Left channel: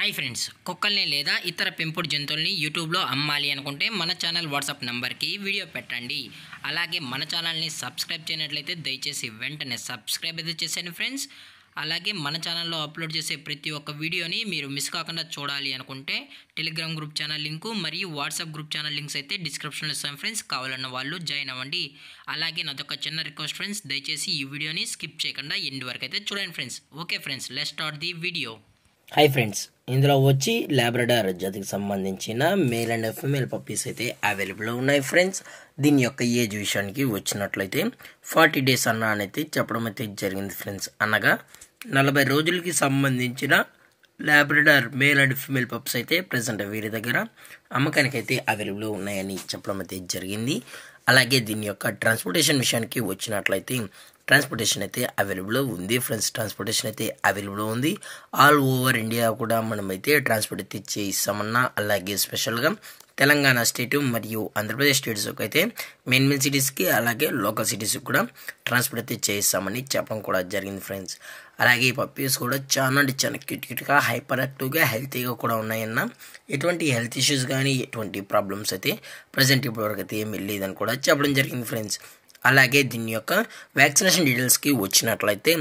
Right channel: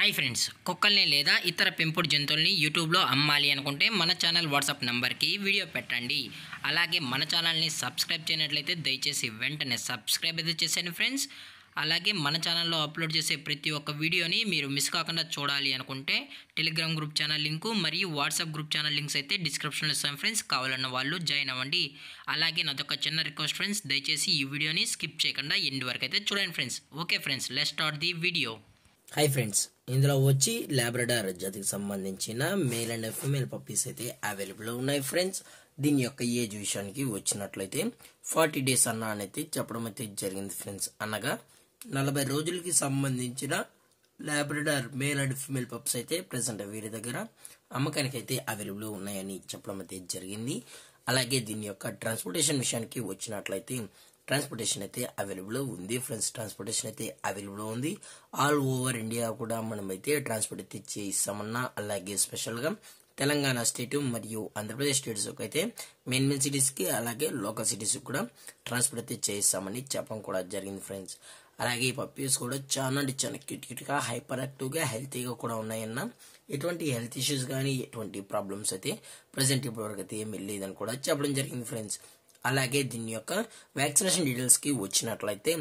Hi friends, కుక్కల్ని లేదా ఇతర పెంపుడు జంతువుల్ని యూట్యూబ్లో అమ్మాలి అనుకుంటే మన ఛానల్ వాట్సాప్ నెంబర్కి వీడియో పెట్టండి. అలాగే మన ఛానల్ని సబ్స్క్రైబ్ చేయనట్లయితే దయచేసి వెంటనే సబ్స్క్రైబ్ అయితే చేసేయండి ఫ్రెండ్స్. అలాగే మన ఛానల్లో అప్లోడ్ చేసే ప్రతి ఒక్క వీడియోని మీరు మిస్ కాకుండా చూడాలి అనుకుంటే టెలిగ్రామ్ గ్రూప్ ఛానల్ లింకు మరియు వాట్సాప్ గ్రూప్ ఛానల్ లింక్స్ అయితే డిస్క్రిప్షన్లో ఇస్తాను ఫ్రెండ్స్. కావాలన్న వాళ్ళు జాయిన్ అవ్వండి. అలాగే నాదొక చిన్న రిక్వెస్ట్ ఫ్రెండ్స్, దయచేసి ఈ వీడియోని స్కిప్ చేయకుండా ఎండ్ వరకు అయితే చూడండి friends. Okay friends, let's start the video. Hi friends, ఇందులో వచ్చి లాబ్రడార్ జాతికి సంబంధించిన మేల్ అండ్ ఫీమేల్ పప్పీస్ అయితే అవైలబుల్ ఉన్నాయి ఫ్రెండ్స్. దీని యొక్క ఏజ్ విషయానికి వచ్చినట్లయితే 40 days అయితే చెప్పడం అయితే జరిగింది ఫ్రెండ్స్. అనగా 40 రోజులకి సంబంధించిన Labrador male and female pups అయితే ప్రజెంట్ వీరి దగ్గర అమ్మకానికి అయితే అవైలబుల్ ఉన్నాయని చెప్పడం అయితే జరిగింది. అలాగే దీని యొక్క ట్రాన్స్పోర్టేషన్ విషయానికి వచ్చినట్లయితే ట్రాన్స్పోర్టేషన్ అయితే అవైలబుల్ ఉంది ఫ్రెండ్స్. ట్రాన్స్పోర్టేషన్ అయితే అవైలబుల్ ఉంది. ఆల్ ఓవర్ ఇండియా కూడా మనమైతే ట్రాన్స్పోర్ట్ అయితే చేయిస్తామన్నా, అలాగే స్పెషల్గా తెలంగాణ స్టేట్ మరియు ఆంధ్రప్రదేశ్ స్టేట్స్కి అయితే మెయిన్ సిటీస్కి అలాగే లోకల్ సిటీస్కి కూడా ట్రాన్స్పోర్ట్ అయితే చేయిస్తామని చెప్పడం కూడా జరిగింది ఫ్రెండ్స్. అలాగే ఈ పప్పీస్ కూడా చాలా క్యూట్గా హైపర్ యాక్టివ్గా హెల్తీగా కూడా ఉన్నాయన్న, ఎటువంటి హెల్త్ ఇష్యూస్ కానీ ఎటువంటి ప్రాబ్లమ్స్ అయితే ప్రజెంట్ ఇప్పటివరకు అయితే ఏమి లేదని కూడా చెప్పడం జరిగింది ఫ్రెండ్స్. అలాగే దీని యొక్క వ్యాక్సినేషన్ డీటెయిల్స్కి వచ్చినట్లయితే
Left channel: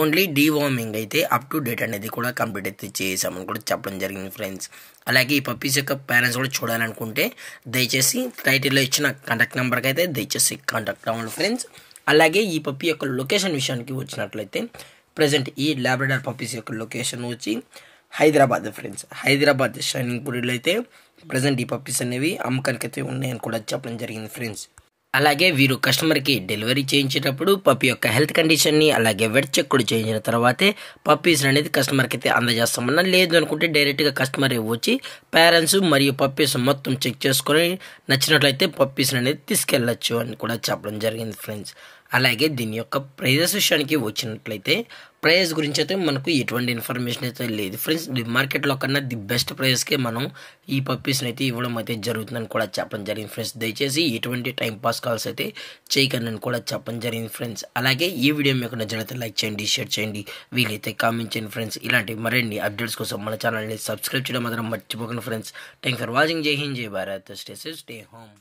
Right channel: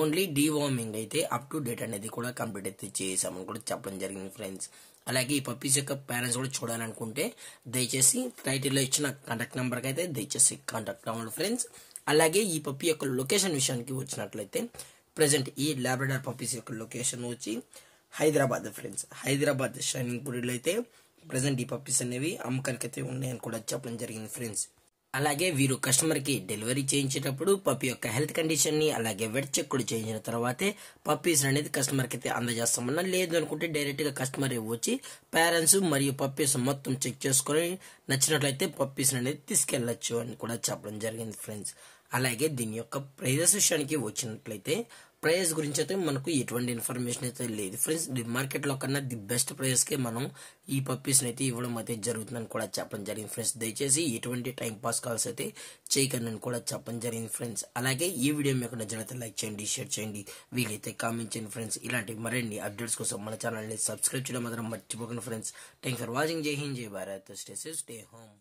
ఓన్లీ డీవార్మింగ్ అయితే అప్ టు డేట్ అనేది కూడా కంప్లీట్ అయితే చేసామని కూడా చెప్పడం జరిగింది ఫ్రెండ్స్. అలాగే ఈ పప్పీస్ యొక్క పేరెంట్స్ కూడా చూడాలనుకుంటే దయచేసి టైటిల్లో ఇచ్చిన కాంటాక్ట్ నెంబర్కి అయితే దయచేసి కాంటాక్ట్ అవ్వండి ఫ్రెండ్స్. అలాగే ఈ పప్పీ యొక్క లొకేషన్ విషయానికి వచ్చినట్లయితే ప్రజెంట్ ఈ లాబ్రడార్ పప్పీస్ యొక్క లొకేషన్ వచ్చి హైదరాబాద్ ఫ్రెండ్స్. హైదరాబాద్ షైనింగ్ పూరిలో అయితే ప్రజెంట్ ఈ పప్పీస్ అనేవి అమ్మకానికి అయితే ఉన్నాయని కూడా చెప్పడం జరిగింది ఫ్రెండ్స్. అలాగే వీరు కస్టమర్కి డెలివరీ చేయించేటప్పుడు పప్పీ యొక్క హెల్త్ కండిషన్ని అలాగే వెట్ చెక్ కూడా చేయించిన తర్వాతే పప్పీస్ అనేది కస్టమర్కి అయితే అందజేస్తామన్నా, లేదు అనుకుంటే డైరెక్ట్గా కస్టమర్ వచ్చి పేరెంట్స్ మరియు పప్పీస్ మొత్తం చెక్ చేసుకొని నచ్చినట్లయితే పప్పీస్ అనేది తీసుకెళ్ళచ్చు అని కూడా చెప్పడం జరిగింది ఫ్రెండ్స్. అలాగే దీని యొక్క ప్రైజెస్ విషయానికి వచ్చినట్లయితే ప్రైస్ గురించి అయితే మనకు ఎటువంటి ఇన్ఫర్మేషన్ అయితే లేదు ఫ్రెండ్స్. మార్కెట్లో కన్నా ది బెస్ట్ ప్రైస్కే మనం ఈ పప్పీస్ని అయితే ఇవ్వడం అయితే జరుగుతుందని కూడా చెప్పడం జరిగింది ఫ్రెండ్స్. దయచేసి ఎటువంటి టైం పాస్ కాల్స్ అయితే చేయకండి కూడా చెప్పడం జరిగింది ఫ్రెండ్స్. అలాగే ఈ వీడియో మీకు నచ్చినట్లయితే లైక్ చేయండి, షేర్ చేయండి, వీలైతే కామెంట్ చేయండి ఫ్రెండ్స్. ఇలాంటి మరిన్ని అప్డేట్స్ కోసం మన ఛానల్ని సబ్స్క్రైబ్ చేయడం మాత్రం మర్చిపోకండి ఫ్రెండ్స్. Thank for watching. జై హింద్, జై Bharat, stay safe, stay home.